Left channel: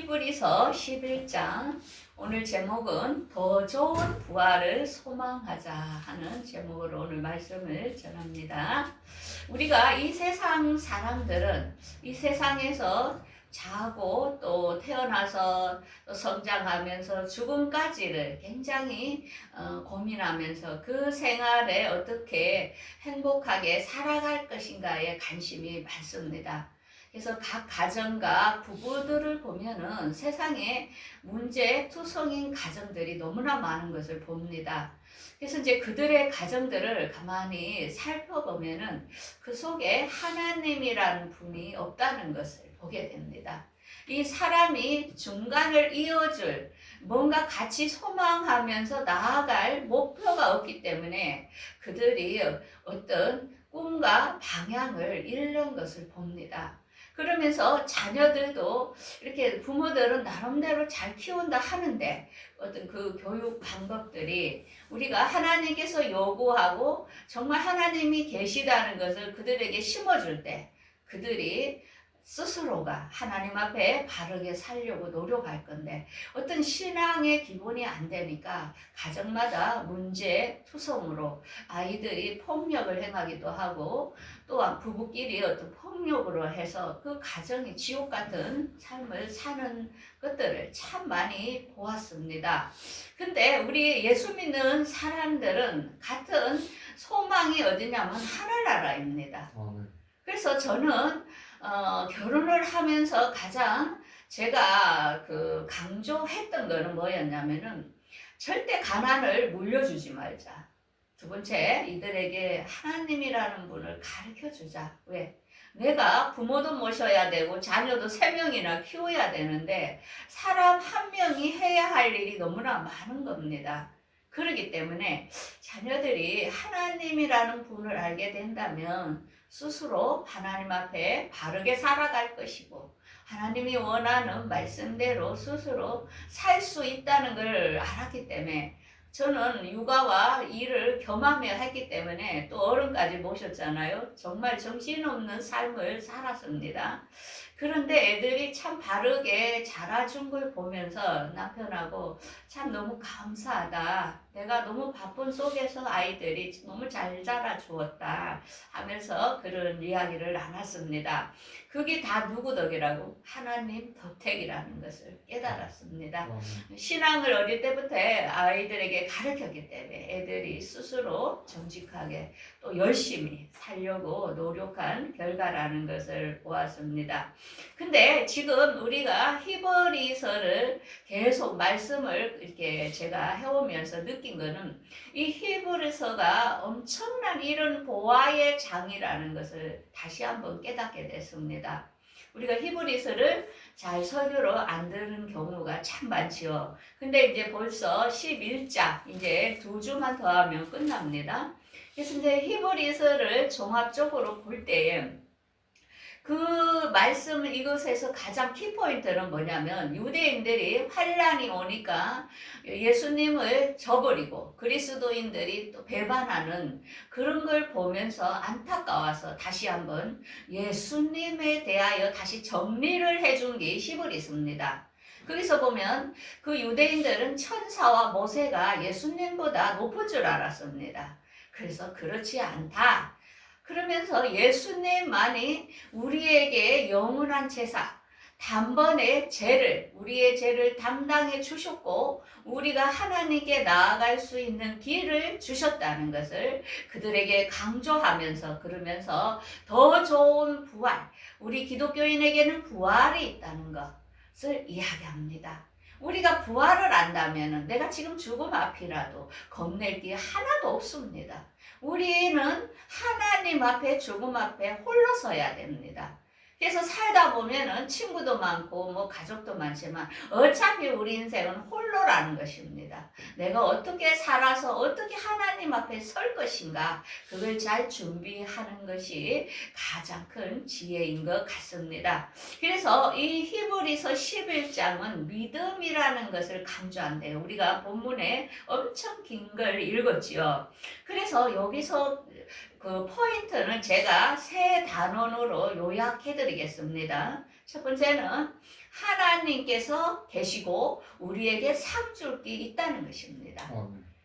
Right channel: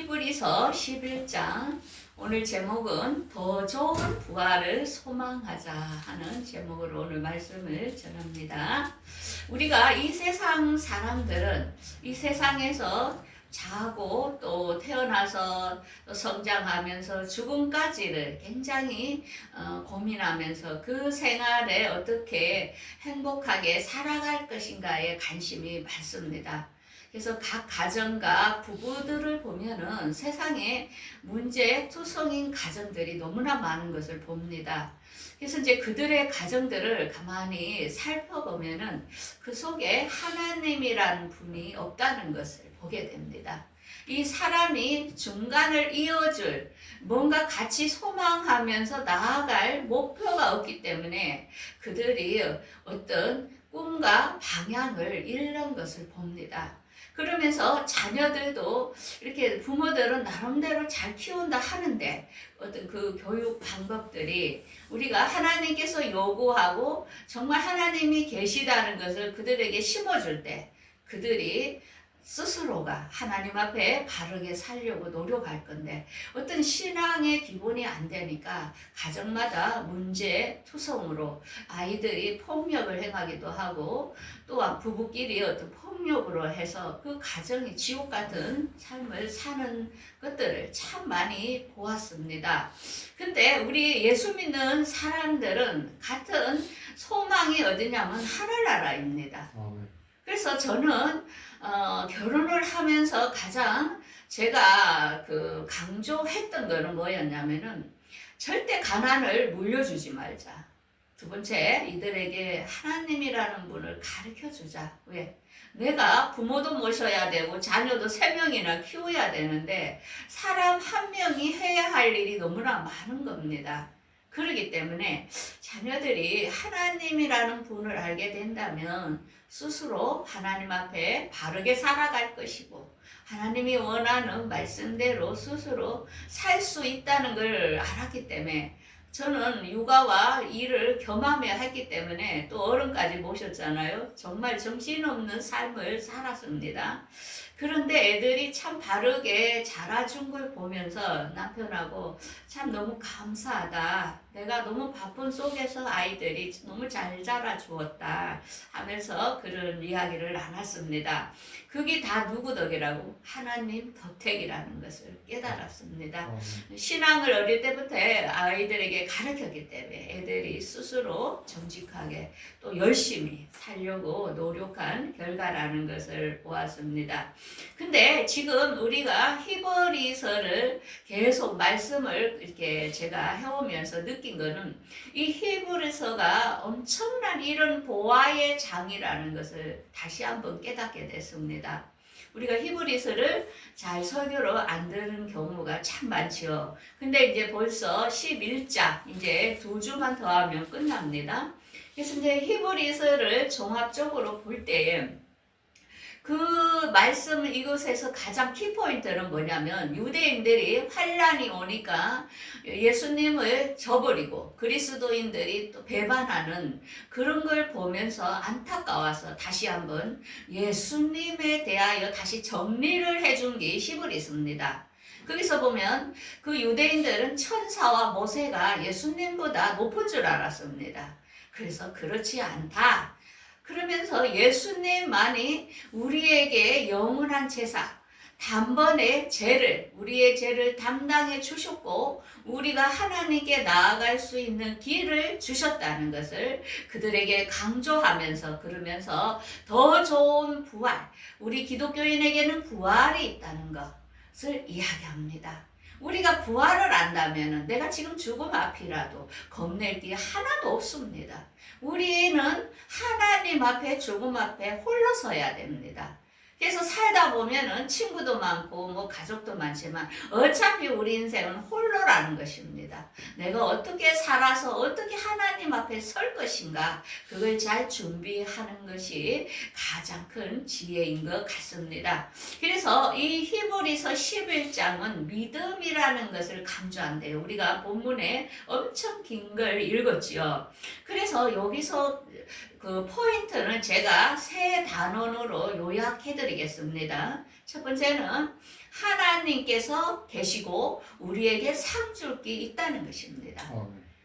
히브리서 11장 오늘 제목은 더 좋은 부활을 소망하자 하는 제목으로 오늘 말씀을 전합니다. 우리가 이 세상 사람들은 이 세상에서 자고 또 태어나서 또 성장하면서 죽음까지를 굉장히 고민하면서 그 생활에 어떻게 행복하게 살아갈 것인가에 관심이 많습니다. 그래서 각 가정과 부부들을 보면은 세상에 문제투성인 가정들이 너무나 많은 것을 봅니다. 그래서 이제 그들의 가정들을 가만히 살펴보면은 그 속에 하나님이라는 분이 없다는 것을 보게 됩니다. 이 사람이 중간을 이어줄 뭔가 같이 소망하면서 나아갈 목표가 없기 때문에 그들이 어떤 꿈과 방향을 잃는 것을 봅니다. 그러면서 자녀들도 이렇게 부모들은 나름대로 잘 키운다 하는데 어떤 그 교육 방법들이 우리가 하나님께서 요구하고 정말 하나님이 계시다는 것을 그들에게 심어줄 때 그들이 스스로가 하나님 앞에 바르게 살려고 노력할 건데 어떤 신앙의 기본이 안 되니까 가정마다 문제투성으로 아이들이 폭력을 행하기도 하고 또한 부부끼리 어떤 폭력으로 해서 그 가정이 지옥 같은 삶을 사는 것들을 참 많이 보았습니다. 근데 우리 예수 믿는 사람들은 같은 소망이 어디냐면 하늘나라입니다. 그래서 저는 결혼을 하면서 가장 제가 강조했던 거는 뭐였냐면은 절대 가난을 물려주지 말자. 두 번째, 이들에게 하나님이라는 분을 가르쳐 주자. 왜? 내가 부모도 모셔야 되고 자녀도 3명이나 키워야 되는데 사람 한 명이 해야 할 일이 너무나 많은 겁니다. 그렇기 때문에 자녀들이 하나님이라는 분을 알게 된다면 스스로 하나님 앞에 바르게 살아갈 것이고 하나님이 원하는 말씀대로 스스로 살 수 있다는 걸 알았기 때문에 저는 육아와 일을 겸하며 했기 때문에 또 어른까지 모셨잖아요. 정말 정신없는 삶을 살았습니다. 그런데 애들이 참 바르게 자라준 걸 보면서 남편하고 참 너무 감사하다. 내가 너무 바쁜 속에서 아이들이 너무 잘 자라주었다 하면서 그런 이야기를 나눴습니다. 그게 다 누구 덕이라고? 하나님 덕택이라는 것을 깨달았습니다. 신앙을 어릴 때부터 아이들에게 가르쳤기 때문에 애들이 스스로 정직하게 또 열심히 살려고 노력한 결과라는 것을 보았습니다. 근데 지금 우리가 히브리서를 계속 말씀을 이렇게 제가 해오면서 느낀 거는 이 히브리서가 엄청난 이런 보화의 장이라는 것을 다시 한번 깨닫게 됐습니다. 우리가 히브리서를 잘 설교로 안 듣는 경우가 참 많지요. 근데 이제 벌써 11장 이제 2주만 더 하면 끝납니다. 그래서 이제 히브리서를 종합적으로 볼 때에 그 말씀 이것에서 가장 키포인트는 뭐냐면 유대인들이 환란이 오니까 예수님을 저버리고 그리스도인들이 또 배반하는 그런 걸 보면서 안타까워서 다시 한번 예수님에 대하여 다시 정리를 해준 게 히브리서입니다. 거기서 보면 그 유대인들은 천사와 모세가 예수님보다 높은 줄 알았습니다. 그래서 그렇지 않다. 그러면서 예수님만이 우리에게 영원한 제사, 단번에 우리의 죄를 담당해 주셨고 우리가 하나님께 나아갈 수 있는 길을 주셨다는 것을 그들에게 강조하면서 그러면서 더 좋은 부활, 우리 기독교인에게는 부활이 있다는 것을 이야기합니다. 우리가 부활을 안다면 내가 지금 죽음 앞이라도 겁낼 게 하나도 없습니다. 우리는 하나님 앞에 죽음 앞에 홀로 서야 됩니다. 그래서 살다 보면은 친구도 많고 뭐 가족도 많지만 어차피 우리 인생은 홀로라는 것입니다. 내가 어떻게 살아서 어떻게 하나님 앞에 설 것인가 그걸 잘 준비하는 것이 가장 큰 지혜인 것 같습니다. 그래서 이 히브리서 11장은 믿음이라는 것을 강조한대요. 우리가 본문에 엄청 긴 걸 읽었지요. 그래서 여기서 그 포인트는 제가 세 단원으로 요약해 드리겠습니다. 첫 번째는 하나님께서 계시고 우리에게 상 줄 게 있다는 것입니다.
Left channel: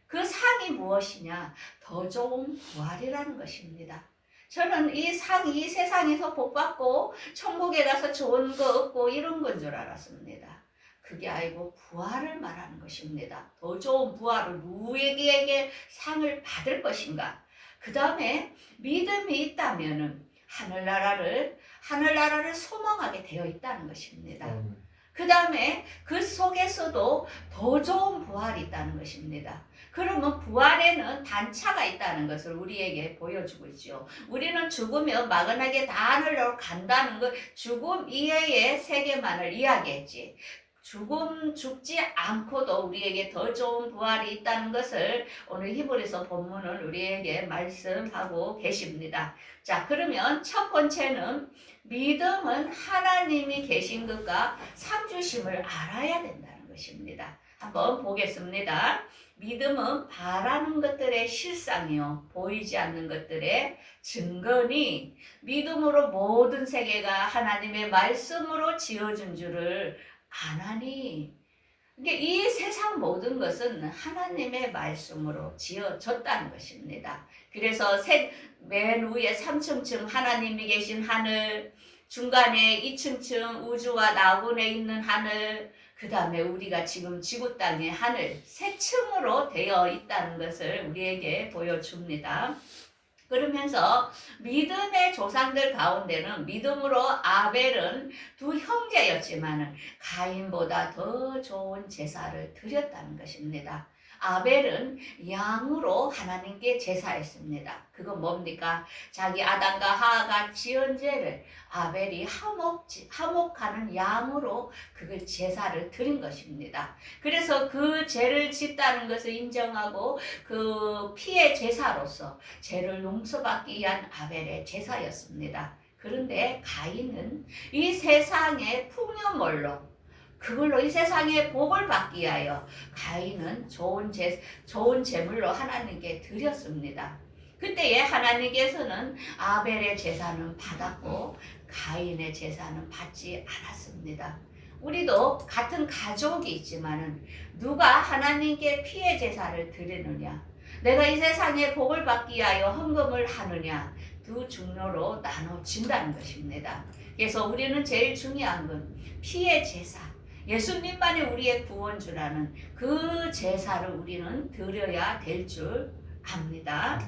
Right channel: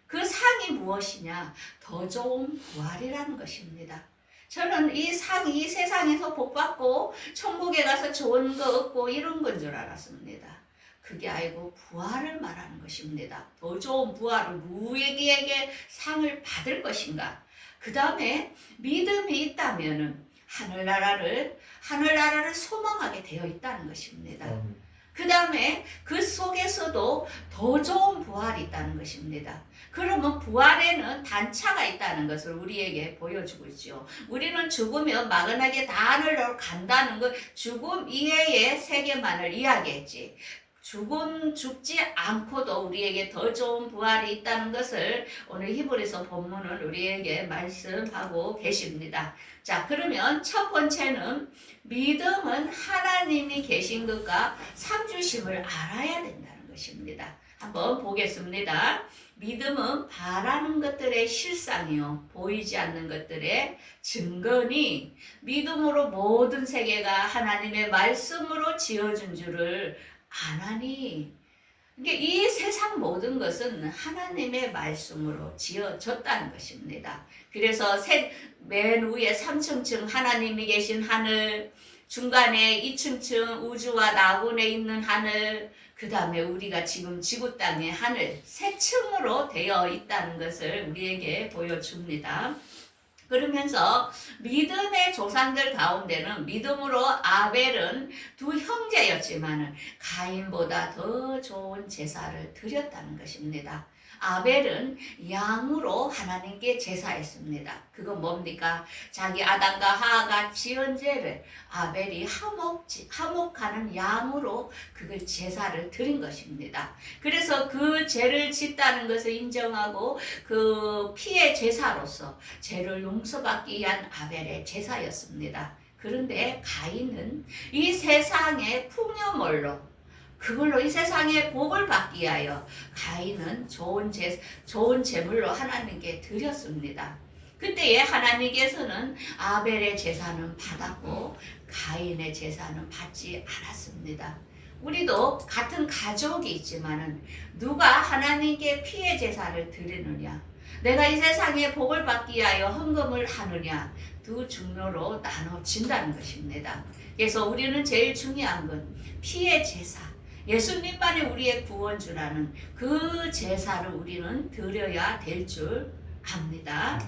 그 상이 무엇이냐? 더 좋은 부활이라는 것입니다. 저는 이 상이 이 세상에서 복 받고 천국에 가서 좋은 거 얻고 이런 건 줄 알았습니다. 그게 아니고 부활을 말하는 것입니다. 더 좋은 부활을 누구에게 상을 받을 것인가? 그 다음에 믿음이 있다면은 하늘나라를 소망하게 되어 있다는 것입니다. 그 다음에 그 속에서도 더 좋은 부활이 있다는 것입니다. 그러면 부활에는 단차가 있다는 것을 우리에게 보여주고 있죠. 우리는 죽으면 막연하게 다 하늘로 간다는 것, 죽음 이외의 세계만을 이야기했지. 죽지 않고도 우리에게 더 좋은 부활이 있다는 것을 오늘 히브리서 본문은 우리에게 말씀하고 계십니다. 자, 그러면 첫 번째는 믿음은 하나님이 계신 것과 상 주심을 알아야 된다는 것입니다. 한번 보겠습니다. 믿음은 바라는 것들의 실상이요, 보이지 않는 것들의 증거니 믿음으로 모든 세계가 하나님의 말씀으로 지어준 줄을 아나니. 이 세상 모든 것은 하나님의 말씀으로 지어졌다는 것입니다. 그래서 맨 위에 3층층 하나님이 계신 하늘, 중간에 2층층 우주와 나군에 있는 하늘, 그 다음에 우리가 지금 지구 땅의 하늘, 세 층으로 되어 있다는 것을 우리에게 보여줍니다. 그러면서 믿음의 조상들 가운데는 믿음으로 아벨은 두 형제였지만 가인보다 더 좋은 제사를 드렸다는 것입니다. 아벨은 양으로 하나님께 제사했습니다. 그건 뭡니까? 자기 아담과 하하가 지은 죄를 아벨이 화목하는 양으로 그걸 제사를 드린 것입니다. 그래서 그 죄를 짓다는 것을 인정하고 그 피의 제사로서 죄를 용서받기 위한 아벨의 제사였습니다. 그런데 가인은 이 세상의 풍요물로 그걸로 이 세상의 복을 받기 위하여 가인은 좋은 제물로 하나님께 드렸습니다. 그때에 하나님께서는 아벨의 제사는 받았고 가인의 제사는 받지 않았습니다. 우리도 같은 가족이 있지만은 누가 하나님께 피의 제사를 드리느냐, 내가 이 세상에 복을 받기 위하여 헌금을 하느냐, 두 종류로 나눠진다는 것입니다. 그래서 우리는 제일 중요한 건 피의 제사, 예수님만이 우리의 구원주라는 그 제사를 우리는 드려야 될 줄 압니다.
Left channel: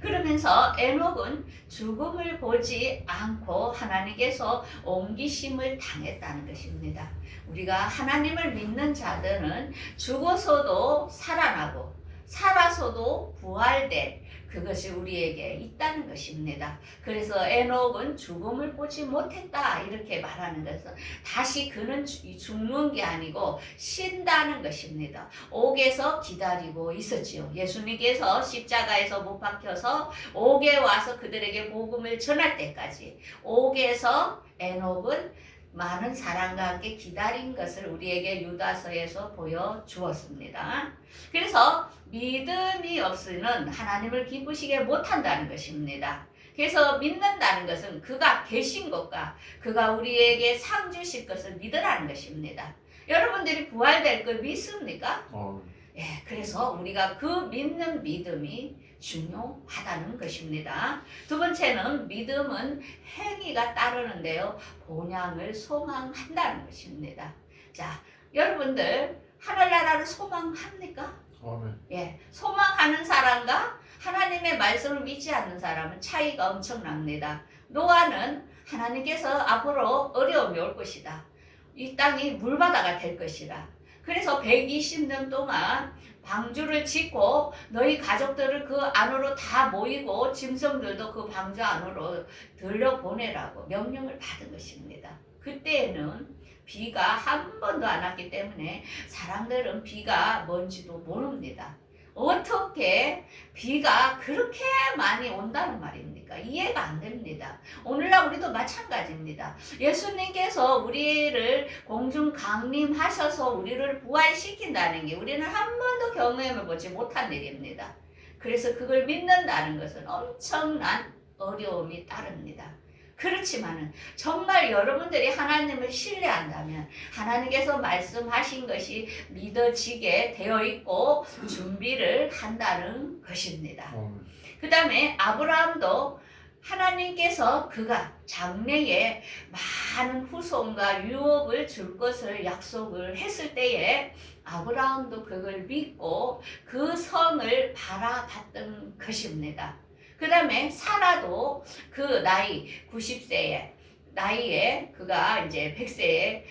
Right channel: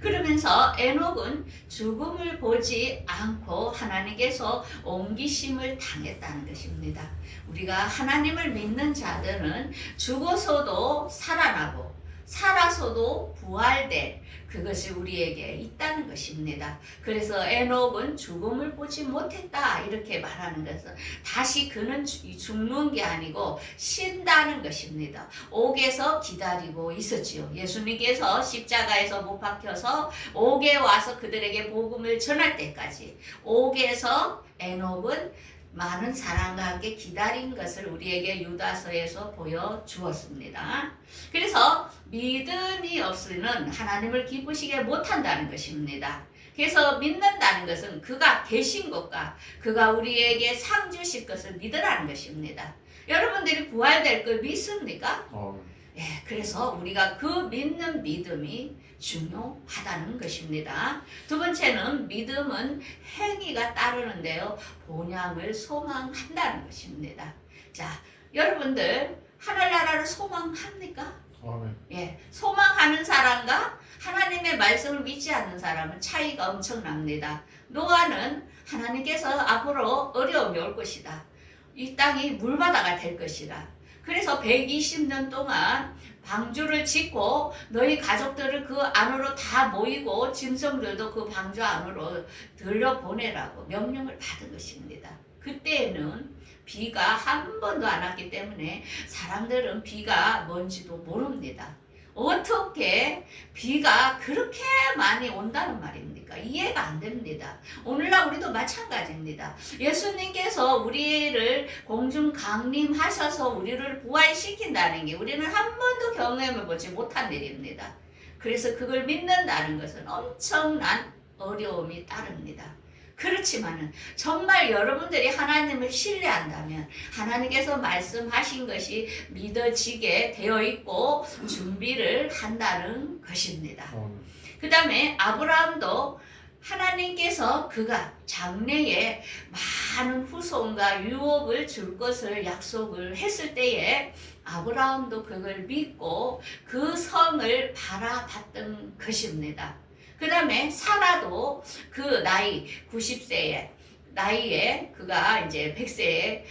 그러면서 에녹은 죽음을 보지 않고 하나님께서 옮기심을 당했다는 것입니다. 우리가 하나님을 믿는 자들은 죽어서도 살아나고 살아서도 부활될 그것이 우리에게 있다는 것입니다. 그래서 에녹은 죽음을 보지 못했다 이렇게 말하는 것은 다시 그는 죽는 게 아니고 쉰다는 것입니다. 옥에서 기다리고 있었지요. 예수님께서 십자가에서 못 박혀서 옥에 와서 그들에게 복음을 전할 때까지 옥에서 에녹은 많은 사랑과 함께 기다린 것을 우리에게 유다서에서 보여주었습니다. 그래서 믿음이 없이는 하나님을 기쁘시게 못한다는 것입니다. 그래서 믿는다는 것은 그가 계신 것과 그가 우리에게 상 주실 것을 믿으라는 것입니다. 여러분들이 부활될 걸 믿습니까? 예, 그래서 우리가 그 믿는 믿음이 중요하다는 것입니다. 두 번째는 믿음은 행위가 따르는데요, 본향을 소망한다는 것입니다. 자, 여러분들 하늘나라를 소망합니까? 예, 소망하는 사람과 하나님의 말씀을 믿지 않는 사람은 차이가 엄청납니다. 노아는 하나님께서 앞으로 어려움이 올 것이다, 이 땅이 물바다가 될 것이다, 그래서 120년 동안 방주를 짓고 너희 가족들을 그 안으로 다 모이고 짐승들도 그 방주 안으로 들여보내라고 명령을 받은 것입니다. 그때에는 비가 한 번도 안 왔기 때문에 사람들은 비가 뭔지도 모릅니다. 어떻게 비가 그렇게 많이 온다는 말입니까? 이해가 안 됩니다. 오늘날 우리도 마찬가지입니다. 예수님께서 우리를 공중 강림하셔서 우리를 부활시킨다는 게 우리는 한 번도 경험해보지 못한 일입니다. 그래서 그걸 믿는다는 것은 엄청난 어려움이 따릅니다. 그렇지만은 정말 여러분들이 하나님을 신뢰한다면 하나님께서 말씀하신 것이 믿어지게 되어 있고 준비를 한다는 것입니다. 그 다음에 아브라함도 하나님께서 그가 장래에 많은 후손과 유업을 줄 것을 약속을 했을 때에 아브라함도 그걸 믿고 그 성을 바라봤던 것입니다. 그 다음에 사라도 그 나이 90세에 나이에 그가 이제 100세에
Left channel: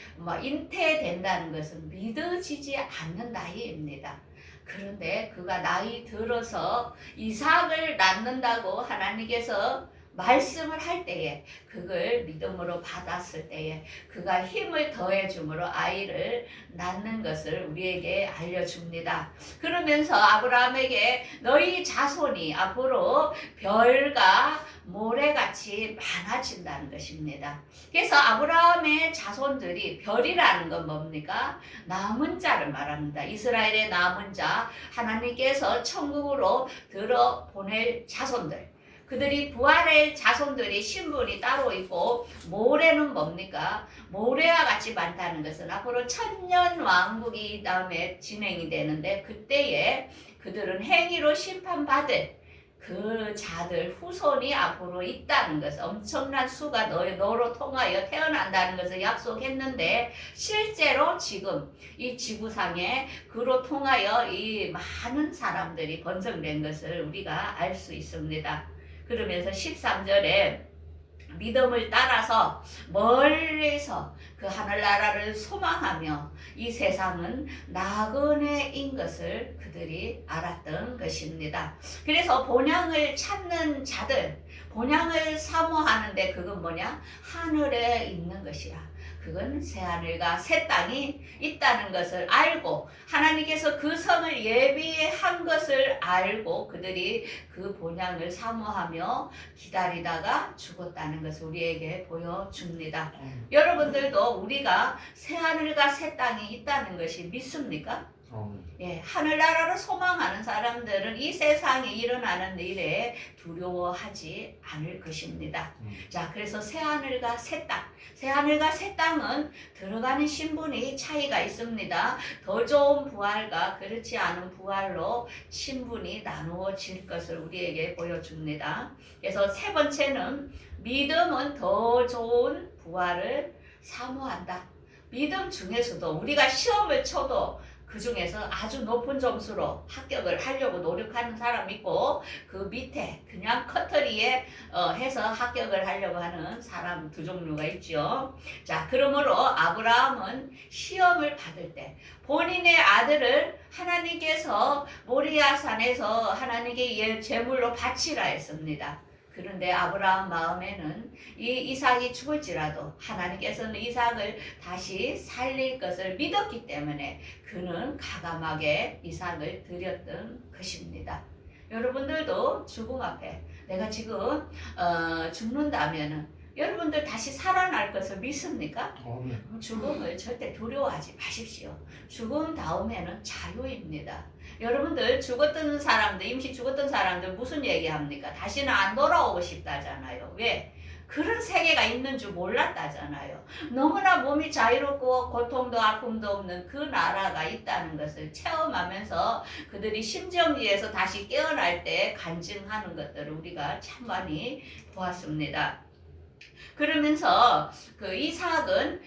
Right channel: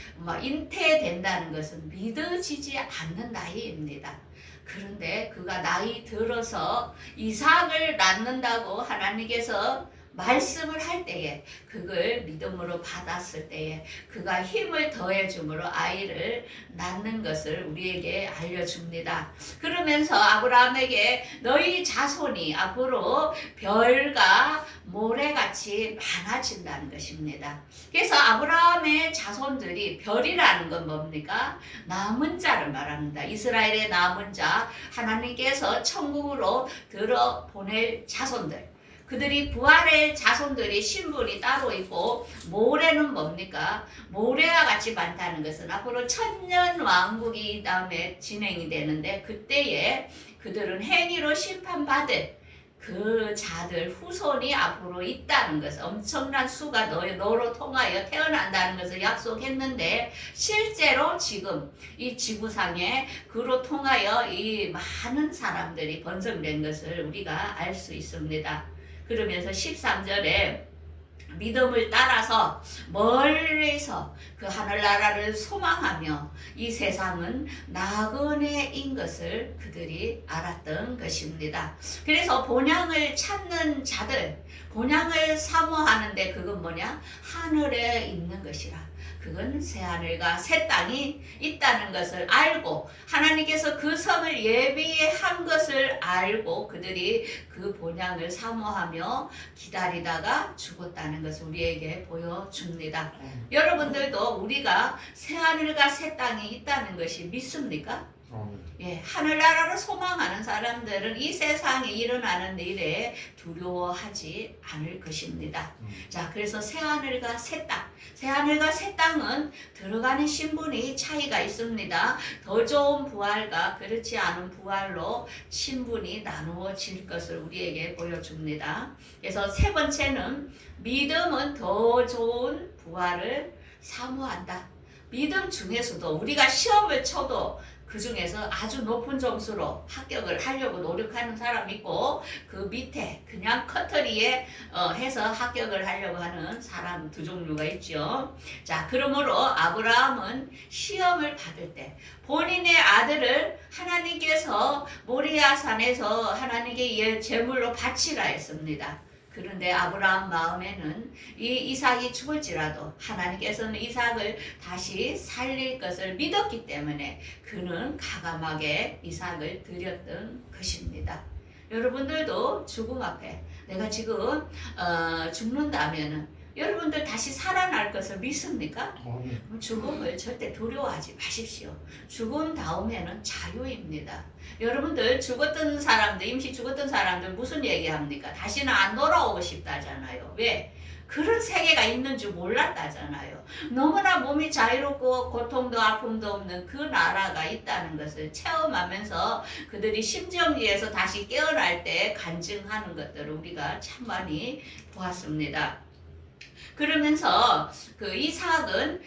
잉태된다는 것은 믿어지지 않는 나이입니다. 그런데 그가 나이 들어서 이삭을 낳는다고 하나님께서 말씀을 할 때에 그걸 믿음으로 받았을 때에 그가 힘을 더해 주므로 아이를 낳는 것을 우리에게 알려줍니다. 그러면서 아브라함에게 너희 자손이 앞으로 별과 모래같이 많아진다는 것입니다. 그래서 아브라함의 자손들이 별이라는 건 뭡니까? 남은 자를 말합니다. 이스라엘의 남은 자, 하나님께서 천국으로 들어 보낼 자손들. 그들이 부활의 자손들이 신분이 따로 있고 모래는 뭡니까? 모래와 같이 많다는 것은 앞으로 천년 왕국이 다음에 진행이 되는데 그때에 그들은 행위로 심판받을 그 자들 후손이 앞으로 있다는 것을 엄청난 수가 너로 통하여 태어난다는 것을 약속했는데 실제로 지금 이 지구상에 그로 통하여 이 많은 사람들이 번성된 것을 우리가 알 수 있습니다. 그러면서 13절에 믿음을 따라서 멀리서 그 하늘나라를 소망하며 이 세상은 나그네인 것을 그들이 알았던 것입니다. 그래서 본향을 찾는 자들, 본향을 사모하는데 그건 뭐냐? 하늘에 있는 것이라. 그건 새하늘과 새 땅이 있다는 것을 알고 하나님께서 그 성을 예비한 것을 알고 그들이 그 본향을 사모하며 기다리다가 죽었다는 것을 우리에게 보여줍니다. 여러분들도 우리가 새하늘과 새 땅이 있다는 것이 믿습니까? 예, 하늘나라를 소망하는 사람들은 이 세상에 일어나는 일에 두려워하지 않을 것입니다. 자, 그래서 새하늘과 새 땅, 새하늘과 새 땅은 들어가는 신분이 차이가 있습니다. 더 좋은 부활과 그렇지 않은 부활로 신분이 나누어질 것을 우리에게 보여줍니다. 그래서 세 번째는 믿음은 더 좋은 부활을 사모한다. 믿음 중에서도 우리가 시험을 쳐도 그 중에서 아주 높은 점수로 합격을 하려고 노력하는 사람이 있고 그 밑에 그냥 커터리에 해서 합격을 하려고 하는 사람 두 종류가 있죠. 자, 그러므로 아브라함은 시험을 받을 때 본인의 아들을 하나님께서 모리아산에서 하나님께 제물로 바치라 했습니다. 그런데 아브라함 마음에는 이 이삭이 죽을지라도 하나님께서는 이삭을 다시 살릴 것을 믿었기 때문에 그는 가감하게 이삭을 드렸던 것입니다. 여러분들도 죽음 앞에 내가 지금 죽는다면은 여러분들 다시 살아날 것을 믿습니까? 그럼 죽음을 절대 두려워하지 마십시오. 죽음 다음에는 자유입니다. 여러분들 죽었던 사람들, 임시 죽었던 사람들 무슨 얘기합니까? 다시는 안 돌아오고 싶다잖아요. 왜? 그런 세계가 있는 줄 몰랐다잖아요. 너무나 몸이 자유롭고 고통도 아픔도 없는 그 나라가 있다는 것을 체험하면서 그들이 심정지에서 다시 깨어날 때 간증하는 것들을 우리가 참 많이 보았습니다. 그러면서 그 이삭은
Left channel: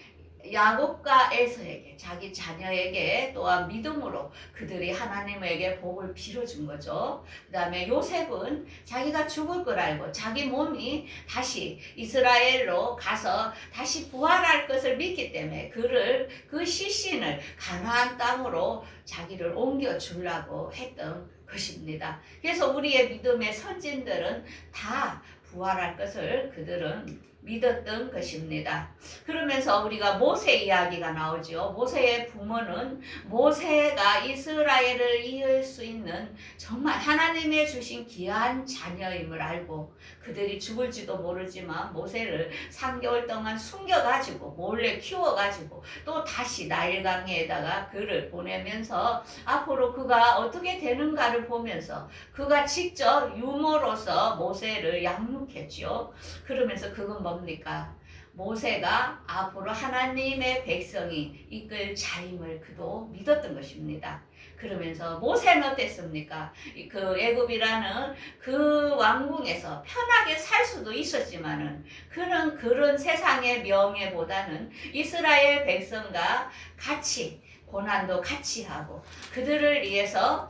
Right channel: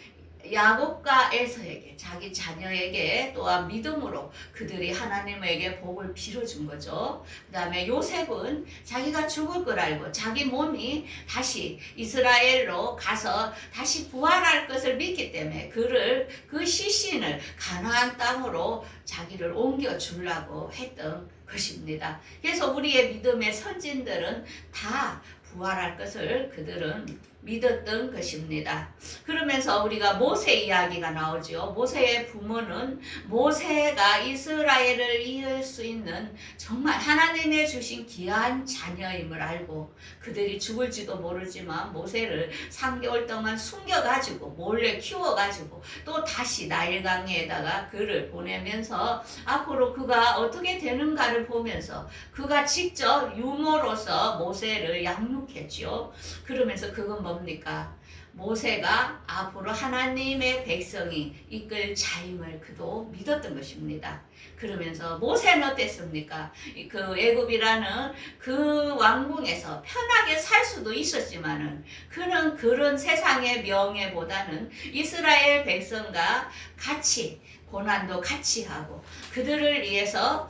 야곱과 에서에게 자기 자녀에게 또한 믿음으로 그들이 하나님에게 복을 빌어준 거죠. 그 다음에 요셉은 자기가 죽을 걸 알고 자기 몸이 다시 이스라엘로 가서 다시 부활할 것을 믿기 때문에 그 시신을 가나안 땅으로 자기를 옮겨 주려고 했던 것입니다. 그래서 우리의 믿음의 선진들은 다 부활할 것을 그들은 믿었던 것입니다. 그러면서 우리가 모세 이야기가 나오죠. 모세의 부모는 모세가 이스라엘을 이을 수 있는 정말 하나님의 주신 귀한 자녀임을 알고 그들이 죽을지도 모르지만 모세를 3개월 동안 숨겨가지고 몰래 키워가지고 또 다시 나일강에다가 그를 보내면서 앞으로 그가 어떻게 되는가를 보면서 그가 직접 유모로서 모세를 양육했죠. 그러면서 그건 뭡니까? 모세가 앞으로 하나님의 백성이 이끌 자임을 그도 믿었던 것입니다. 그러면서 모세는 어땠습니까? 그 애굽이라는 그 왕궁에서 편하게 살 수도 있었지만은 그는 그런 세상의 명예보다는 이스라엘 백성과 같이 고난도 같이 하고 그들을 위해서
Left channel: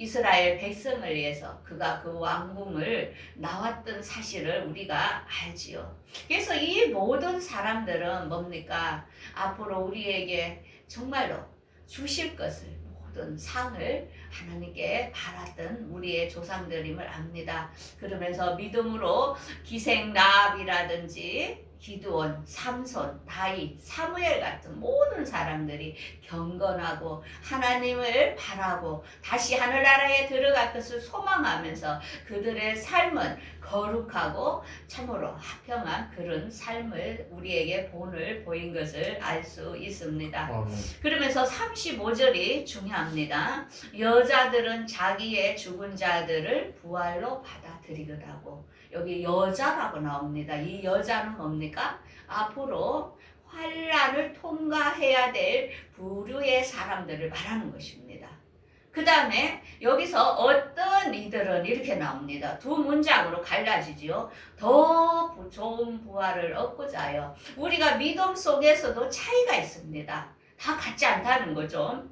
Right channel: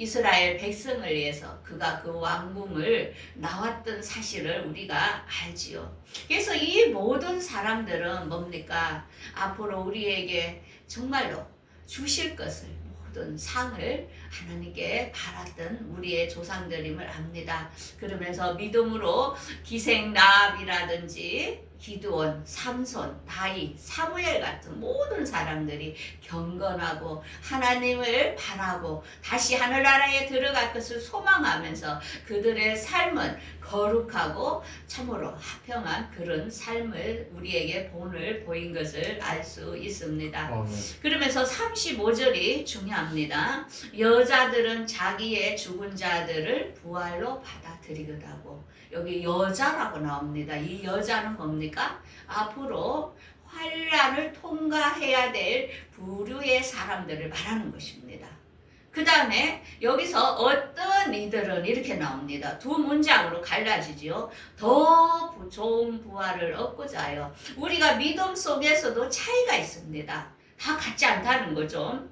이스라엘 백성을 위해서 그가 그 왕궁을 나왔던 사실을 우리가 알지요. 그래서 이 모든 사람들은 뭡니까? 앞으로 우리에게 정말로 주실 것을 모든 상을 하나님께 바랐던 우리의 조상들임을 압니다. 그러면서 믿음으로 기생 라합이라든지 기드온, 삼손, 다윗, 사무엘 같은 모든 사람들이 경건하고 하나님을 바라고 다시 하늘나라에 들어갈 것을 소망하면서 그들의 삶은 거룩하고 참으로 화평한 그런 삶을 우리에게 본을 보인 것을 알 수 있습니다. 그러면서 35절이 중요합니다. 여자들은 자기의 죽은 자들을 부활로 받아들이거라고. 여기 여자라고 나옵니다. 이 여자는 뭡니까? 앞으로 환란을 통과해야 될 부류의 사람들을 말하는 것입니다. 그 다음에 여기서 어떤 이들은 이렇게 나옵니다. 두 문장으로 갈라지지요. 더 좋은 부활을 얻고자 하여. 우리가 믿음 속에서도 차이가 있습니다. 다 같지 않다는 거죠.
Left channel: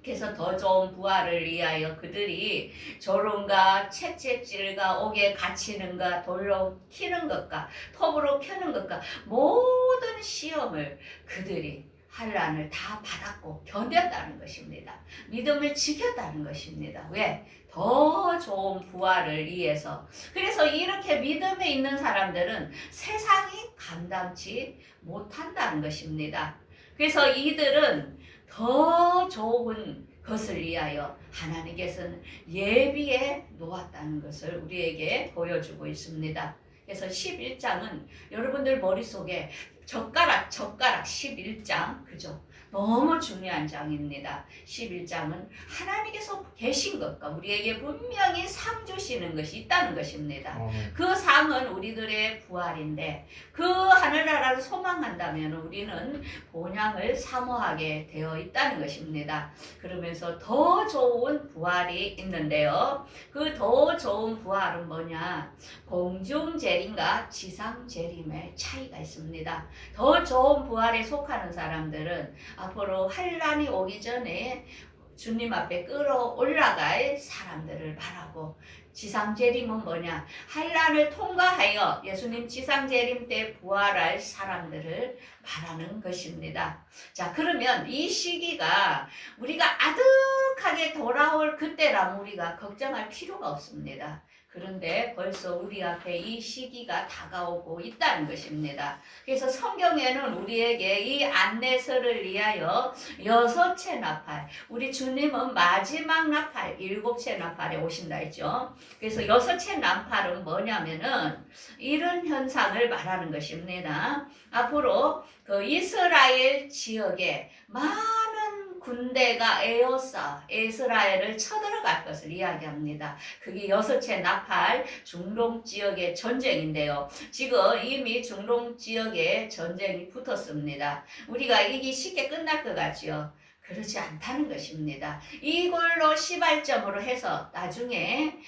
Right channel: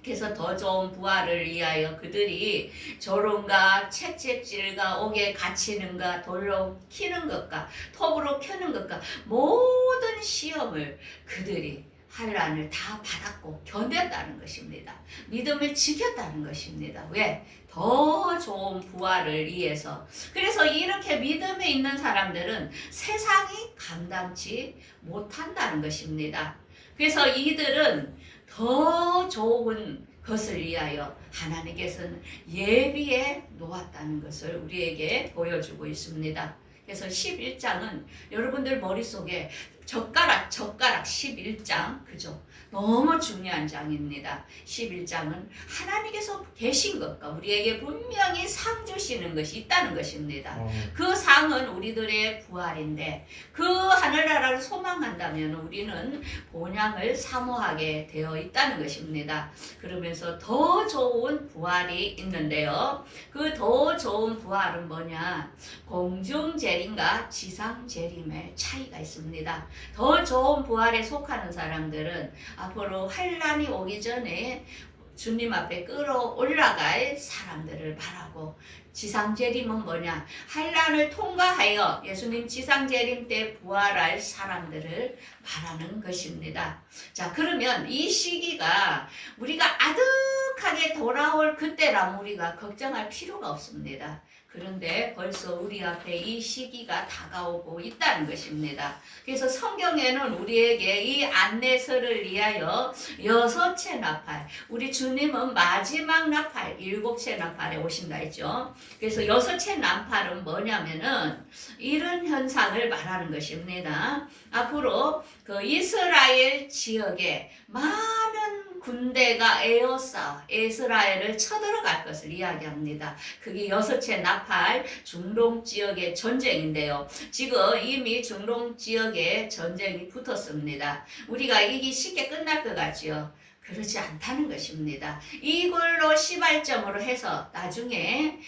그래서 더 좋은 부활을 위하여 그들이 조롱과 채찍질과 옥에 갇히는가 돌로 키는 것과 톱으로 켜는 것과 모든 시험을 그들이 환란을 다 받았고 견뎠다는 것입니다. 믿음을 지켰다는 것입니다. 왜? 더 좋은 부활을 위해서. 그래서 이렇게 믿음에 있는 사람들은 세상이 감당치 못한다는 것입니다. 그래서 이들은 더 좋은 것을 위하여 하나님께서는 예비해 놓았다는 것을 우리에게 보여주고 있습니다. 그래서 11장은 여러분들 머릿속에 젓가락 11장, 그죠? 너무 중요한 장입니다. 11장은 하나님께서 계신 것과 우리에게 분명히 상 주시는 것이 있다는 것입니다. 그 상은 우리들의 부활인데 그 하늘나라를 소망한다면 우리는 본향을 사모하게 되어 있다는 것입니다. 그러면서 더 좋은 부활이 있는데요. 그 더 좋은 부활은 뭐냐? 공중재림과 지상재림의 차이가 있습니다. 더 좋은 부활에 속하는 사람들은 앞으로 환란이 오기 전에 주님 앞에 끌어올라갈 사람들을 바라고, 지상재림은 뭐냐? 환란을 통과하여 예수님 지상재림 때 부활할 사람들을 말하는 것입니다. 자, 그러면 이 시기가 우리가 아득하게 돌아올 그때라면 우리가 걱정할 필요가 없습니다. 그런데 벌써 우리 앞에 이 시기가 다가오고 있다는 것입니다. 그래서 성경에는 우리에게 이 안내서를 위하여 6채 나팔, 우리 주님은 마지막 나팔, 7채 나팔에 오신다 했죠. 그래서 6채 나팔은 뭐냐면은 이런 현상을 말하는 것입니다. 앞으로 그 이스라엘 지역에 많은 군대가 에워싸 이스라엘을 쳐들어갈 것을 이야기합니다. 그게 6채 나팔 중동 지역의 전쟁인데요. 지금 이미 중동 지역에 전쟁이 붙었습니다. 우리가 이게 쉽게 끝날 것 같지요? 그렇지 않다는 것입니다. 이걸로 시발점으로 해서 나중에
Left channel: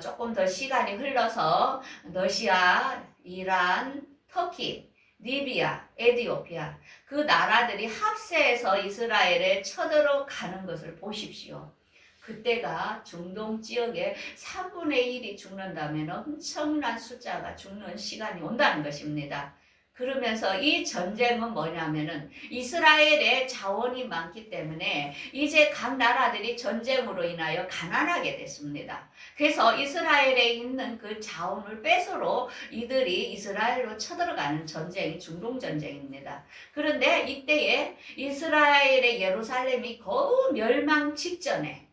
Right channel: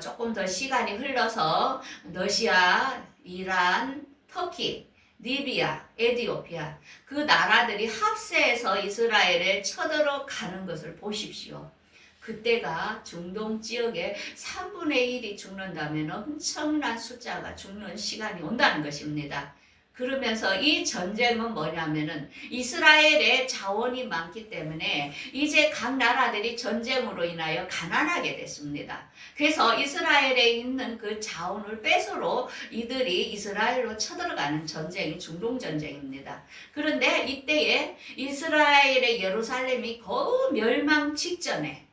조금 더 시간이 흘러서 러시아, 이란, 터키, 리비아, 에티오피아 그 나라들이 합세해서 이스라엘에 쳐들어가는 것을 보십시오. 그때가 중동 지역에 3분의 1이 죽는다면 엄청난 숫자가 죽는 시간이 온다는 것입니다. 그러면서 이 전쟁은 뭐냐면은 이스라엘의 자원이 많기 때문에 이제 각 나라들이 전쟁으로 인하여 가난하게 됐습니다. 그래서 이스라엘에 있는 그 자원을 뺏으러 이들이 이스라엘로 쳐들어가는 전쟁이 중동 전쟁입니다. 그런데 이때에 이스라엘의 예루살렘이 거의 멸망 직전에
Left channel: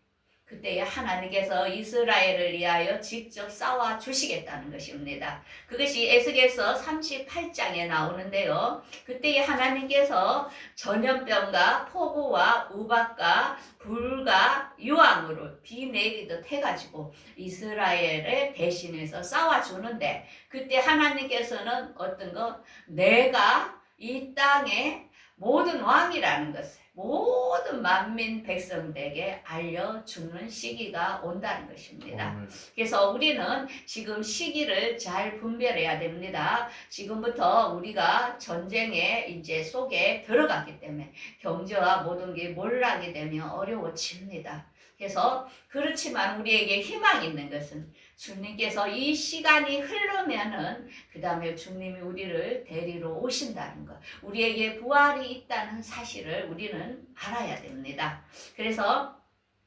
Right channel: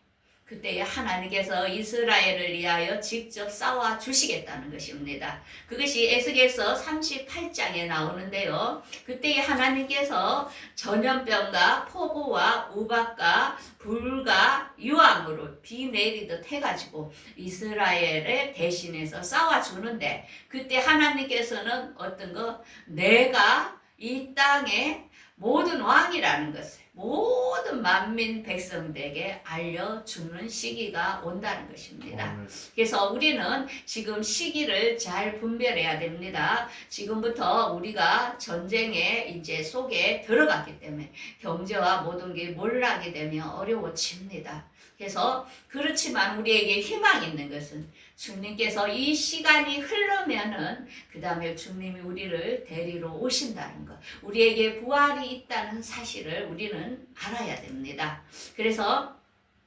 그때 하나님께서 이스라엘을 위하여 직접 싸워 주시겠다는 것입니다. 그것이 에스겔서 38장에 나오는데요. 그때 하나님께서 전염병과 폭우와 우박과 불과 유황으로 비 내리듯 해가지고 이스라엘을 대신해서 싸워주는데, 그때 하나님께서는 어떤 거, 내가 이 땅의 모든 왕이라는 것을 모든 만민 백성들에게 알려주는 시기가 온다는 것입니다. 그래서 우리는 지금 시기를 잘 분별해야 됩니다. 지금부터 우리가 전쟁의 이제 속에 들어갔기 때문에 경제와 모든 게 몰락이 되면 어려워집니다. 그래서 그렇지만 우리에게 희망이 있는 것은 주님께서 이 시간이 흐르면은 그 다음에 주님이 우리를 데리러 오신다는 것, 우리에게 부활이 있다는 사실을 우리는 알아야 됩니다. 그래서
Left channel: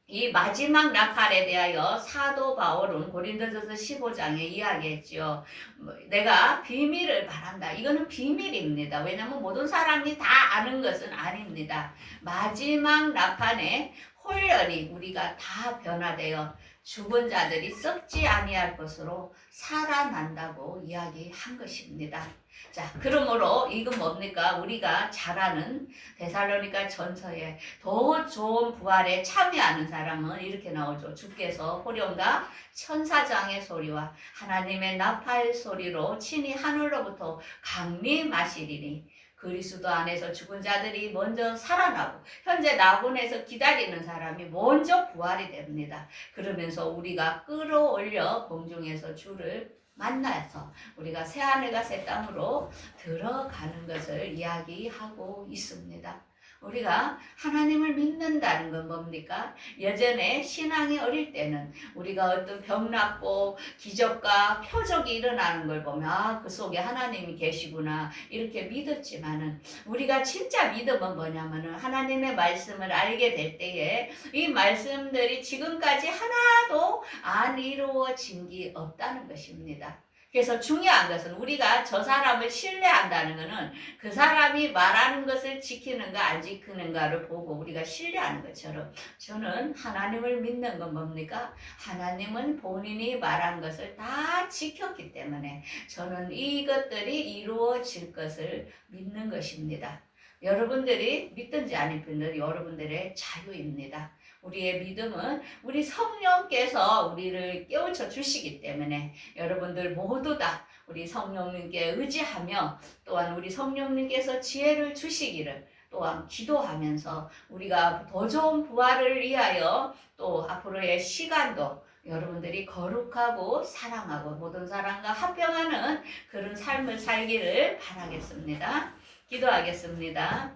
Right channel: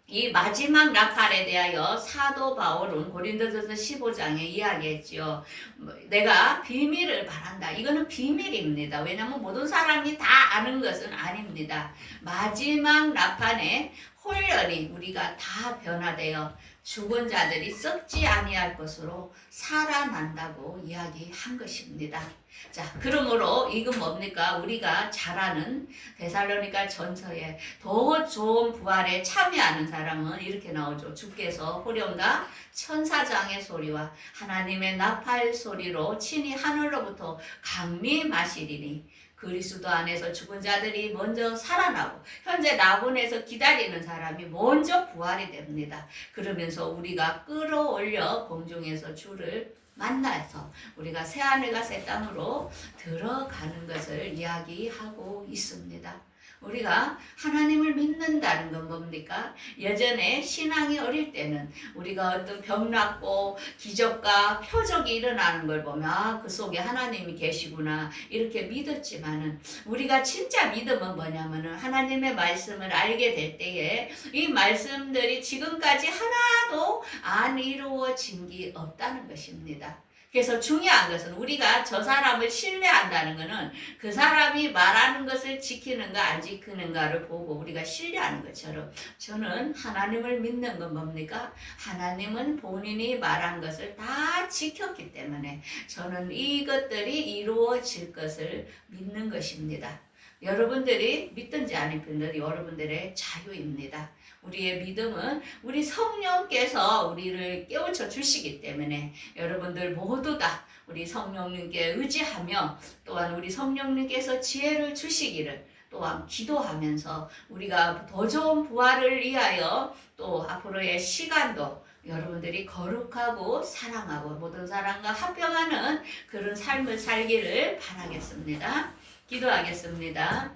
이 마지막 나팔에 대하여 사도 바울은 고린도전서 15장에 이야기했죠. 내가 비밀을 바란다. 이거는 비밀입니다. 왜냐하면 모든 사람이 다 아는 것은 아닙니다. 마지막 나팔에 홀연히 우리가 다 변화되어 죽은 자들이 썩지 아니할 것으로 살아난다고 이야기한 것입니다. 자, 그러므로 이건 뭡니까? 우리가 잘 아는 데살로니가 전서에 더 좋은 부활에 참여하는 사람은 이렇게 나오죠. 주께서 호령과 천사장의 소리와 하나님의 나팔 소리로 친히 하늘로부터 강림하시리니 그리스도 안에서 죽은 자들이 먼저 살아나고 현재 나본에서 기다리는 사람이 먼저 부활이 됩니다. 그러면서 우리가 끌어올려 공중에서 주를 만나서 우리가 새하늘과 새 땅으로 들어가는 것을 이야기하고 있습니다. 우리가 하나님을 믿는다는 건 뭡니까? 예전에 신앙이 어릴 때는 우리가 어떤 병 낫고 기적과 표적이 일어나는 걸 보면 그 속에 하나님이 계시구나 이렇게 믿었지만은, 우리가 진짜 믿음은 뭐냐면은 하나님의 말씀을 알게 될 때에 이 말씀들이 지금까지 하나도 안 이루어진 게 없다는 것입니다. 그래서 중요한 것은 우리가 저 사람을 신뢰한다는 것은 그 사람이 말하는 것을 지키는가 안 지키는가를 보고 우리가 신뢰하는 것처럼, 저는 하나님을 믿는 건 뭡니까? 하나님은 본인이 말한 것을 다 지켰기 때문에 저는 이것들이 이루어질 것을 믿는 것입니다. 여러분들이 믿든지 안 믿든지 여러분들의 자유입니다. 우리의 믿음은 우리 성령께서 우리를 깨우쳐 주시기 때문에 여러분들 모두 다 우리 성령님께 의지하며, 또한 우리 성령님께서 지혜를 주시기를 또한 기도하면서 우리가 더 좋은 부활을 위하여 또 앞으로의 시간도 여러분들이 거룩하고 사랑하고 모든 사람과 합병하는 그런 삶을 살기를 바라겠습니다. 기도하겠습니다.